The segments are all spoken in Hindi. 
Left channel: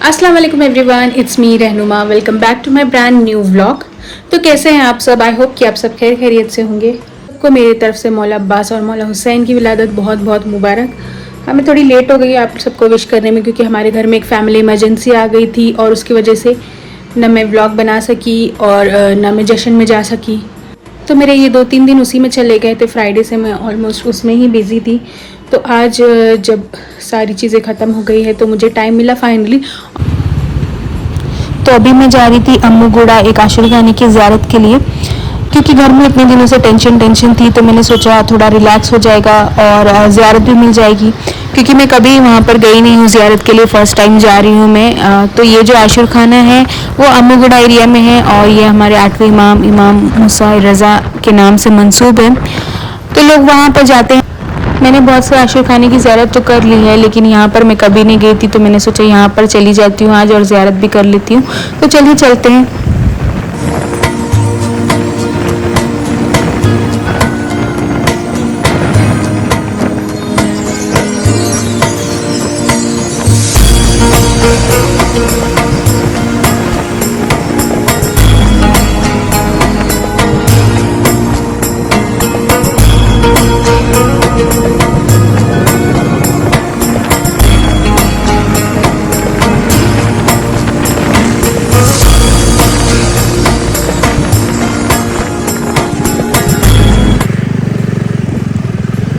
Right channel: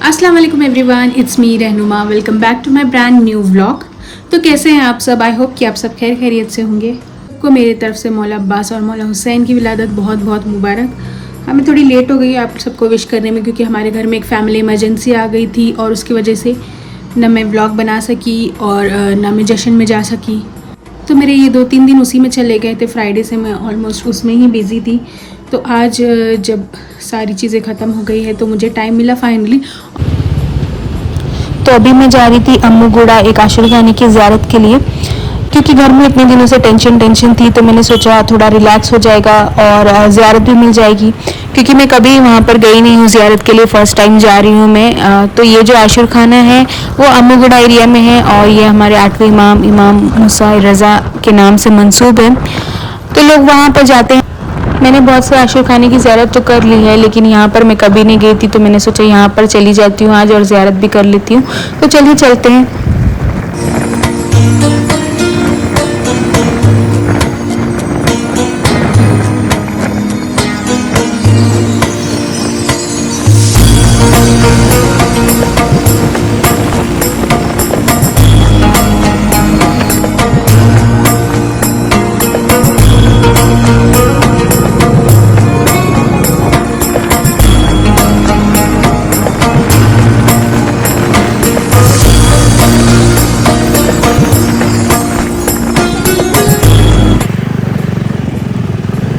अस्सलाम वालेकुम everyone, it's me Rahnuma. Welcome back to my brand new vlog. तो कैसे हैं आप सब? आई होप कि आप सब खैर खैरियत से होंगे। सबको मेरी तरफ से मौला अब्बास और मौला हुसैन की विलादत बहुत बहुत मुबारक। हमें थोड़ी लेट हो गई आप सबको विश करने में, क्योंकि हमारे घर में एक फ़ैमिली इमरजेंसी आ गई थी और उसकी वजह से न मैं व्लॉग बना सकी और न मैं जश्न में जा सकी। तो मेरे ये 2-3 दिन उसी में चले गए थे। फ्राइडे से मैं ऑलमोस्ट उसमें ही बिज़ी थी। तो आज जब सारी चीज़ें ख़त्म हो गई है तो मुझे टाइम मिला फाइनली। तो अभी मैं जा रही थी अम्मूगुड़ा एक आशिर खाने की ज़ियारत के लिए, क्योंकि घर में इतने दिनों से टेंशन थी। तो मैंने सोचा थोड़ा रिलैक्स हो जाएगा और ज़ियारत भी मिल जाएगी, क्योंकि मैं कभी वहाँ पर गई नहीं हूँ ज़ियारत के लिए। फ़र्स्ट टाइम जा रही हूँ मैं। तो ये जो आशिर खाना है वो अम्मूगुड़ा एरिया में है और ये हमारे 8वें इमाम मूसा रज़ा के नाम से मंसूब है। तो लोग वहाँ पर जाते हैं। मैंने बहुत से आशिर खाने की ज़ियारत तो कर ली है, लेकिन यहाँ पर मैं कभी नहीं गई थी। तो मैंने सोचा यहाँ पर चली जाती हूँ आज और ज़ियारत भी कर लेती हूँ। तो चलिए चलते हैं।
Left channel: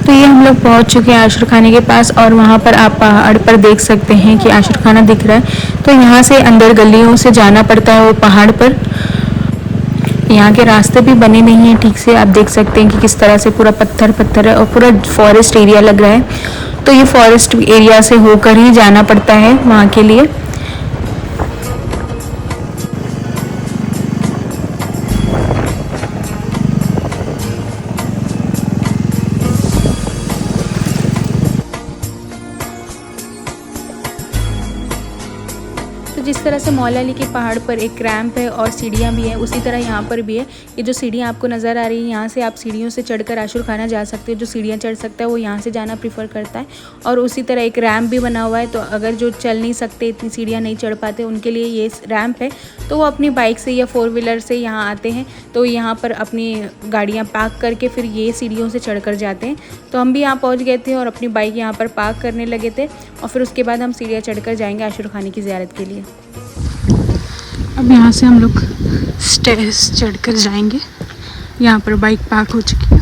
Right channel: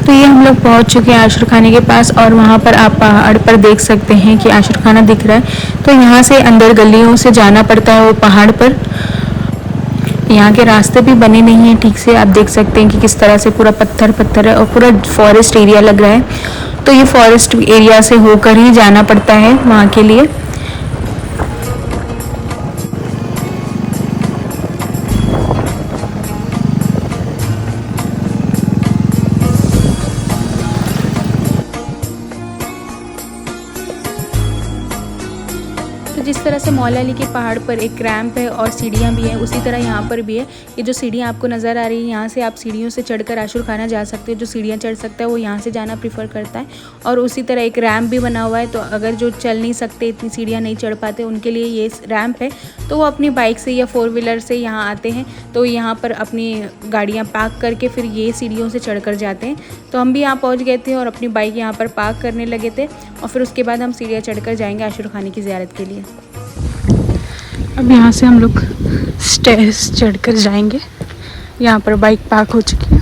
तो ये हम लोग पहुंच चुके हैं आशिर खाने के पास, और वहाँ पर आप पहाड़ पर देख सकते हैं कि आशिर खाना दिख रहा है। तो यहाँ से अंदर गलियों से जाना पड़ता है वो पहाड़ पर। यहाँ के रास्ते भी बने नहीं हैं ठीक से। आप देख सकते हैं कि किस तरह से पूरा पत्थर पत्थर है और पूरा फॉरेस्ट एरिया लग रहा है। तो ये फॉरेस्ट एरिया से होकर ही जाना पड़ता है वहाँ के लिए। तो जिस तरह से मौला अली के पहाड़ पर एक रैंप है और सीढ़ियाँ भी हैं, उसी तरह यहाँ पर भी है। ये जो सीढ़ियाँ आपको नज़र आ रही है, यहाँ से आप सीढ़ियों से चढ़कर आशिर खाना जा सकते हो। जो सीढ़ियाँ चढ़ सकता है वो यहाँ से जाना प्रीफर करता है। और उसी तरह एक रैंप भी बना हुआ है। तो अगर जो चल नहीं सकते, इतनी सीढ़ियाँ नहीं चढ़ पाते, उनके लिए ये रैंप है। तो वो अपनी बाइक से या 4 व्हीलर से यहाँ आते हैं। तो यहाँ पर अपनी गाड़ियाँ पार्क करके फिर ये सीढ़ियों से चढ़ कर जाते हैं। तो हम भी यहाँ पहुँच गए थे और अपनी बाइक यहाँ पर पार्क करने लगे थे, और फिर उसके बाद हम सीढ़ियाँ चढ़कर जाएंगे आशिर खाने की ज़ियारत के लिए। अब यहाँ से हम लोग स्टेयर्स चढ़कर जाएंगे। यहाँ पर बाइक पार्क हो चुकी है।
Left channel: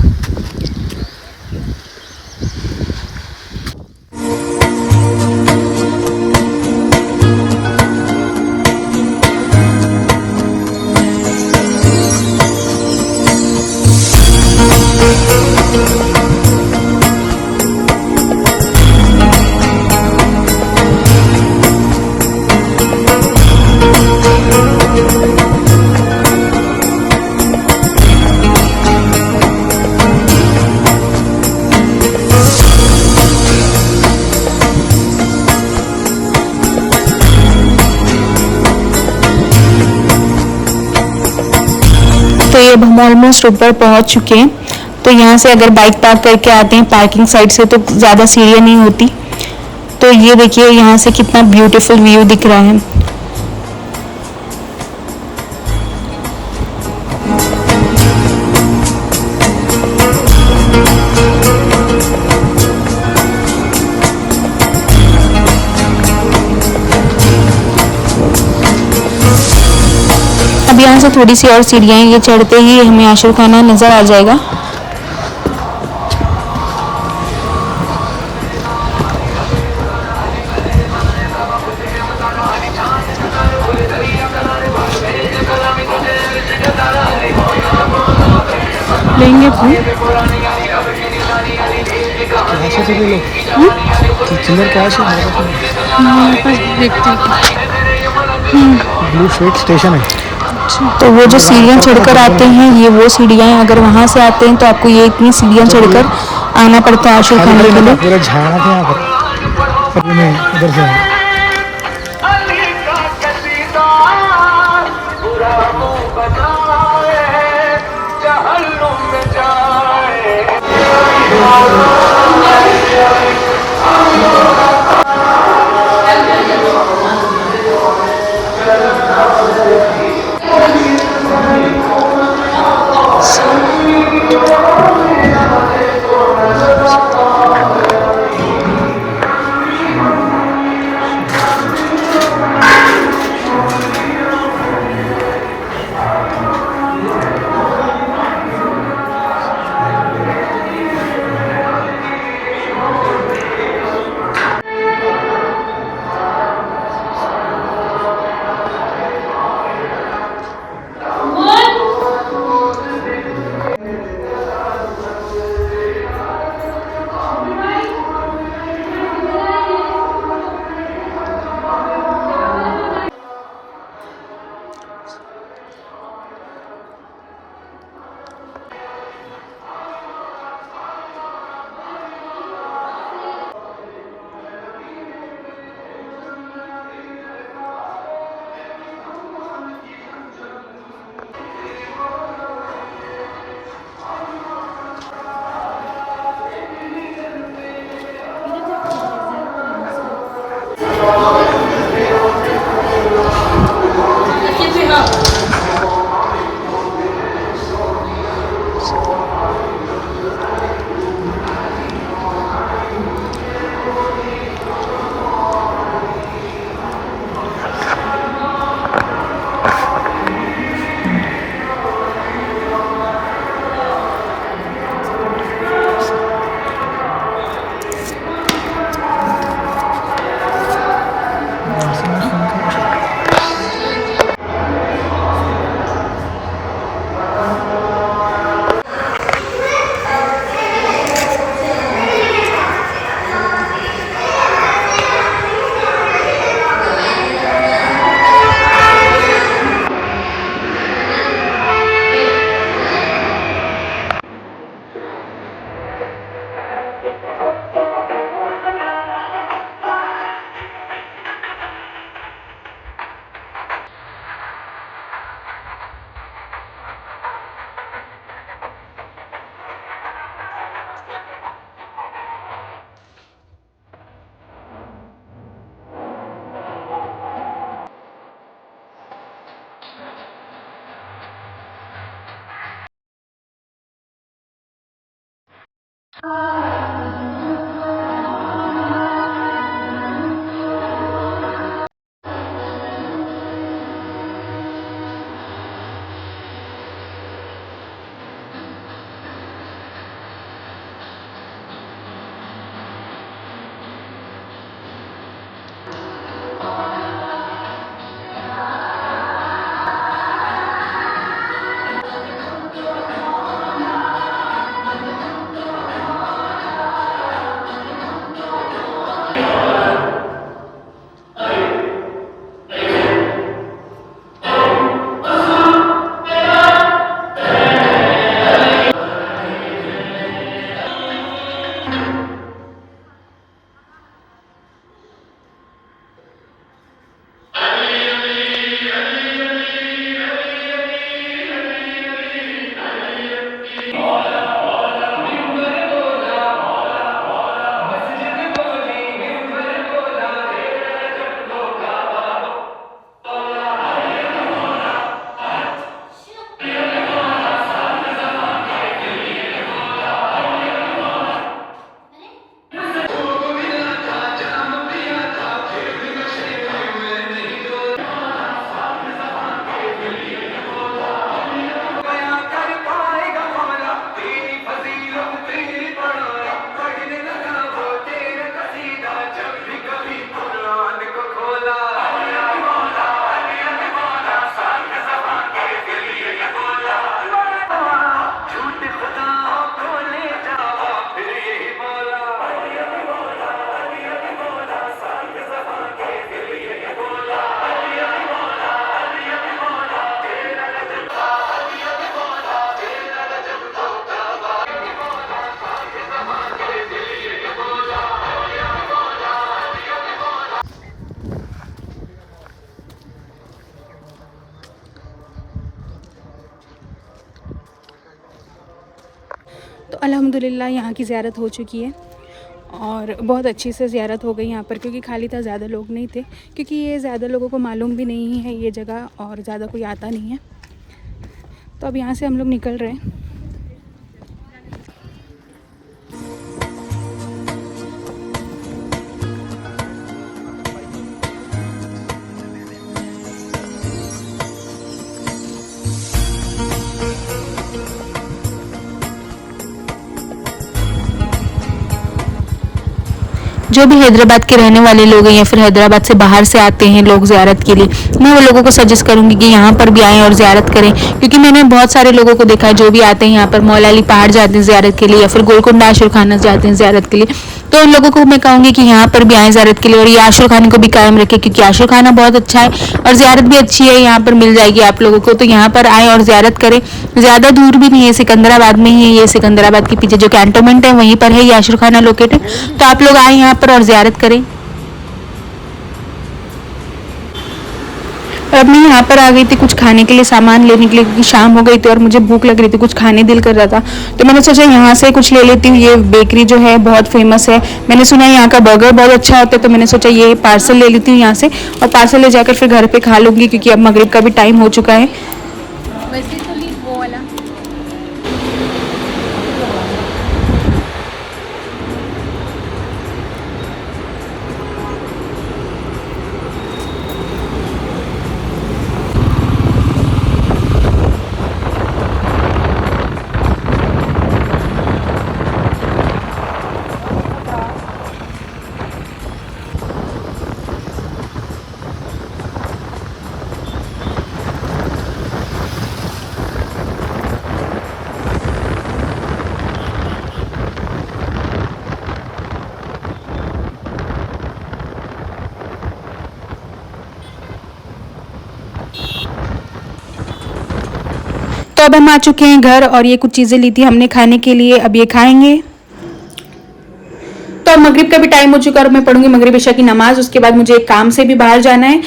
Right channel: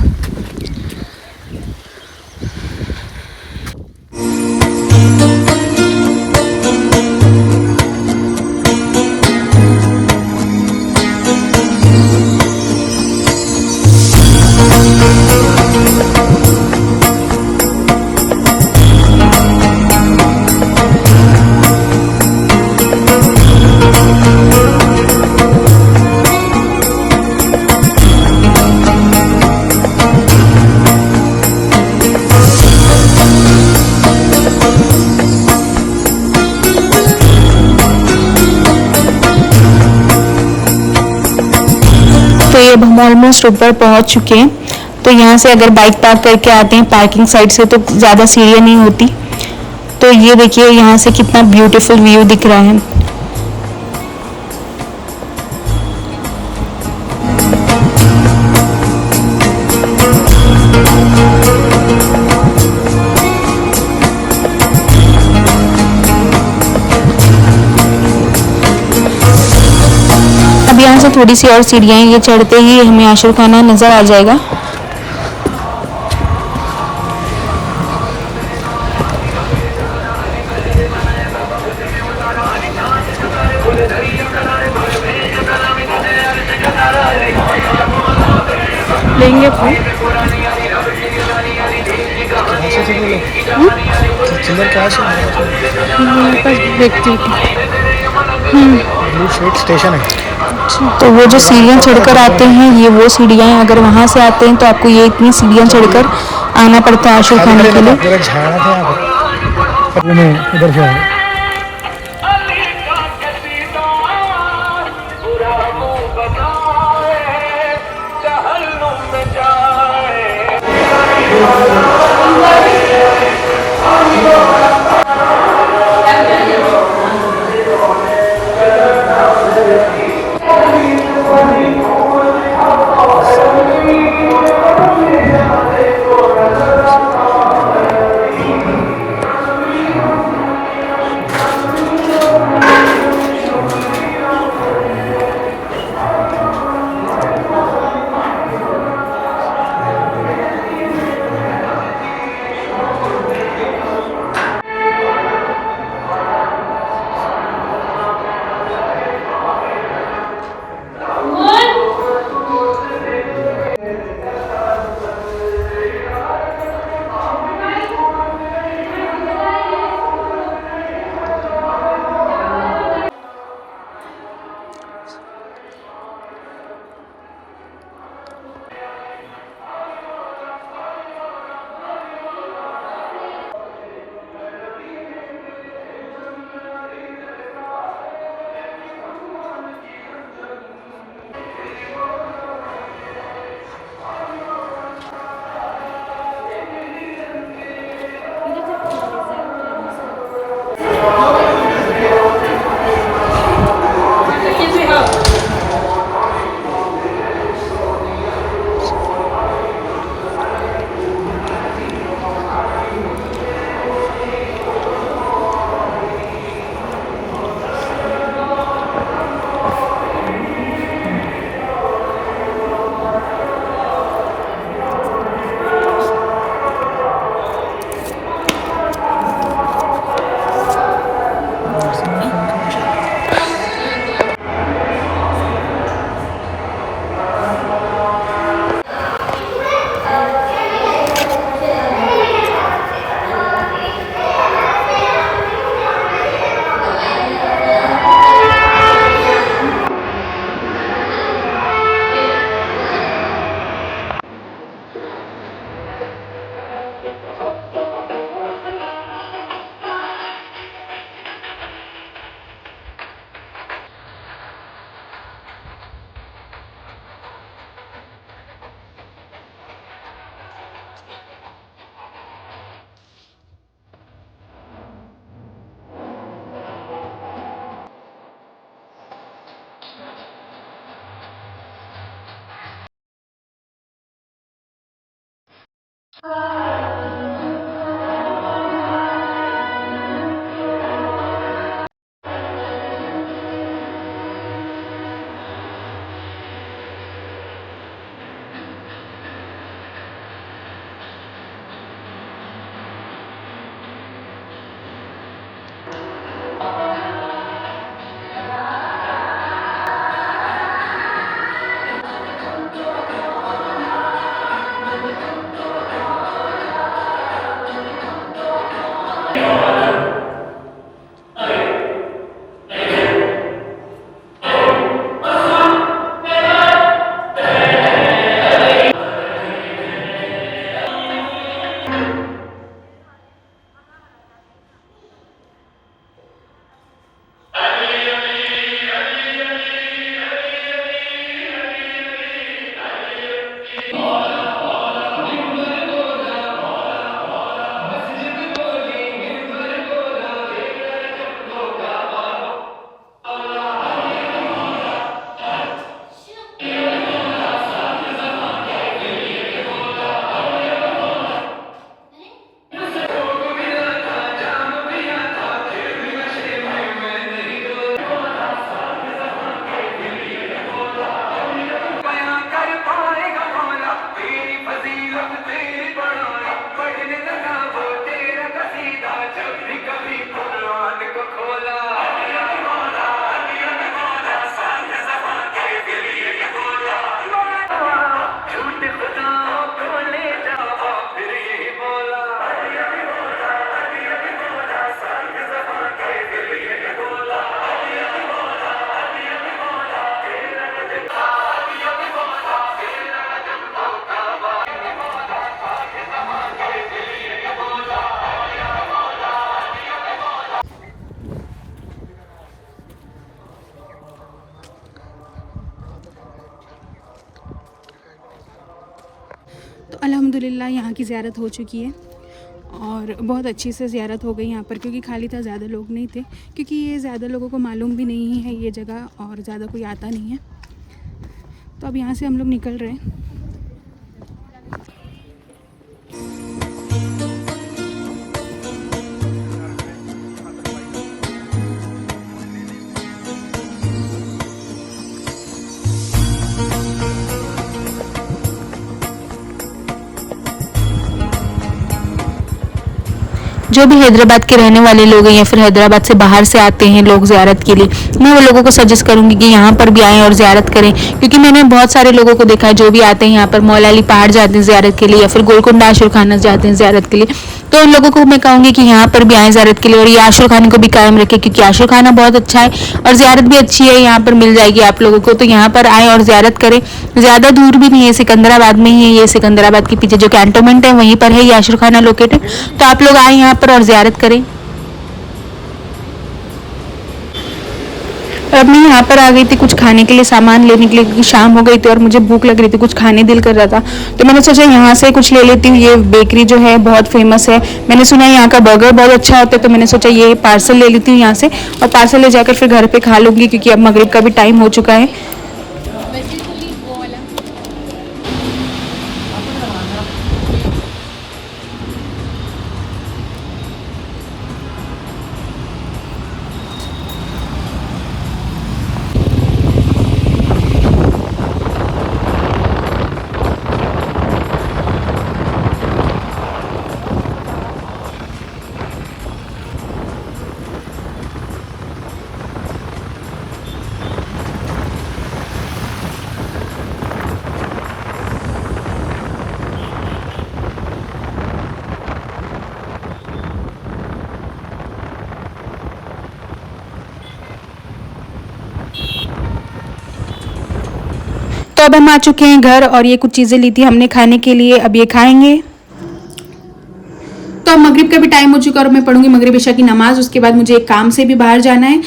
तो ये अब हम ऑलमोस्ट ऊपर पहुंच चुके हैं। तो यहाँ से अगर बाइक पार्क करके आते हैं पार्किंग साइड से तो ज़्यादा सीढ़ियाँ नहीं होती। तो ये देखिए यहाँ से कितना ब्यूटीफुल व्यू दिख रहा है। अब यहाँ से थोड़ी सी और सीढ़ियाँ हैं, ये चढ़ते ही हमें आशिर खाना नज़र आ जाएगा। लेंगे तो मेरे पास देखती हूँ। ब्लू स्वीट स्टेशन है। तो वो जो सीढ़ियाँ चढ़कर आते हैं ये वो सीढ़ियाँ हैं। अगर वहाँ से आते हैं तो आपको ये इतनी सीढ़ियाँ चढ़कर आना पड़ता है आशिर खाने के लिए। पूरा झाड़ा था यहाँ पर नहीं, इधर से आए। तो अल्हम्दुलिल्लाह यहाँ की ज़ियारत हो चुकी है और बहुत अच्छी से ज़ियारत हो गई यहाँ पर, क्योंकि खाली था, ज़्यादा लोग नहीं थे, क्योंकि ये ज़्यादा लोगों को मालूम भी नहीं है ये जगह और ज़्यादा कोई आता नहीं है। तो अब यहाँ से हम लोग निकल रहे हैं। जो भी हैदराबाद के रहने वाले लोग हैं या फिर हैदराबाद से बाहर से आते हैं लोग ज़ियारत के लिए, मैं वो लोगों को सजेस्ट करूंगी कि यहाँ पर भी आएँ और ज़ियारत करें, क्योंकि मैंने बहुत सारे लोगों को देखा है जो भी आते हैं यहाँ पर मौला अली पहाड़ जाते हैं ज़ियारत के लिए या फिर गोलकुंडा आशुर खाना जाते हैं ज़ियारत के लिए। तो उन लोगों को मैं कहूँगी कि यहाँ पर भी आएँ ज़ियारत के लिए और ये आशुर खाने को भी कायम रखें, क्योंकि आशुर खाना बहुत अच्छा है और ज़ियारत भी अच्छी है, यहाँ पर मिल जाएगी आप लोगों को। तो यहाँ पर आएँ और ज़ियारत करें। ज़्यादा दूर भी नहीं है, सिकंदराबाद में ही है ये, सिकंदराबाद के पीछे जो कैंटोनमेंट है वहीं पर है ये आशुर खाना लोकेटेड। तो आप लोग आएँ यहाँ पर और ज़ियारत करें। और अब मैं यहाँ पर आ गई थी कुछ खाने के लिए, सामान लेने के लिए, क्योंकि शाम हो गई थी और मुझे भूख लग रही थी, कुछ खाने दिल कर रहा था। तो मैंने सोचा यहाँ से कुछ ले लेती हूँ। ये बेकरी जो है बहुत फेमस है, मैंने सुना है यहाँ का बर्गर बहुत अच्छा होता है। तो मैंने सोचा ये पार्सल ले लेती हूँ यहाँ से और पार्सल ले जाकर फिर घर पे खा लूँगी, क्योंकि अब मगरिब का भी टाइम हो चुका है। तो अब हम आ चुके हैं घर और ये कुछ चीज़ें ली थी हमने खाने के लिए, अब ये खाएंगे। तो अब मगरिब का भी टाइम हो चुका है और मैं पढ़ूंगी मगरिब इशा की नमाज, उसके बाद मुझे एक काम से भी बाहर जाना है।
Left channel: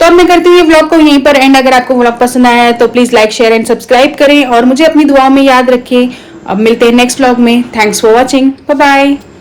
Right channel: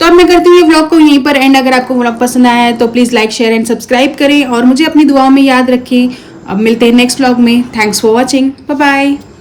तो अब मैं करती हूँ ये व्लॉग को यहीं पर एंड। अगर आपको व्लॉग पसंद आया है तो please like share and subscribe करें और मुझे अपनी दुआओं में याद रखें। अब मिलते हैं नेक्स्ट व्लॉग में। Thanks for watching, bye bye.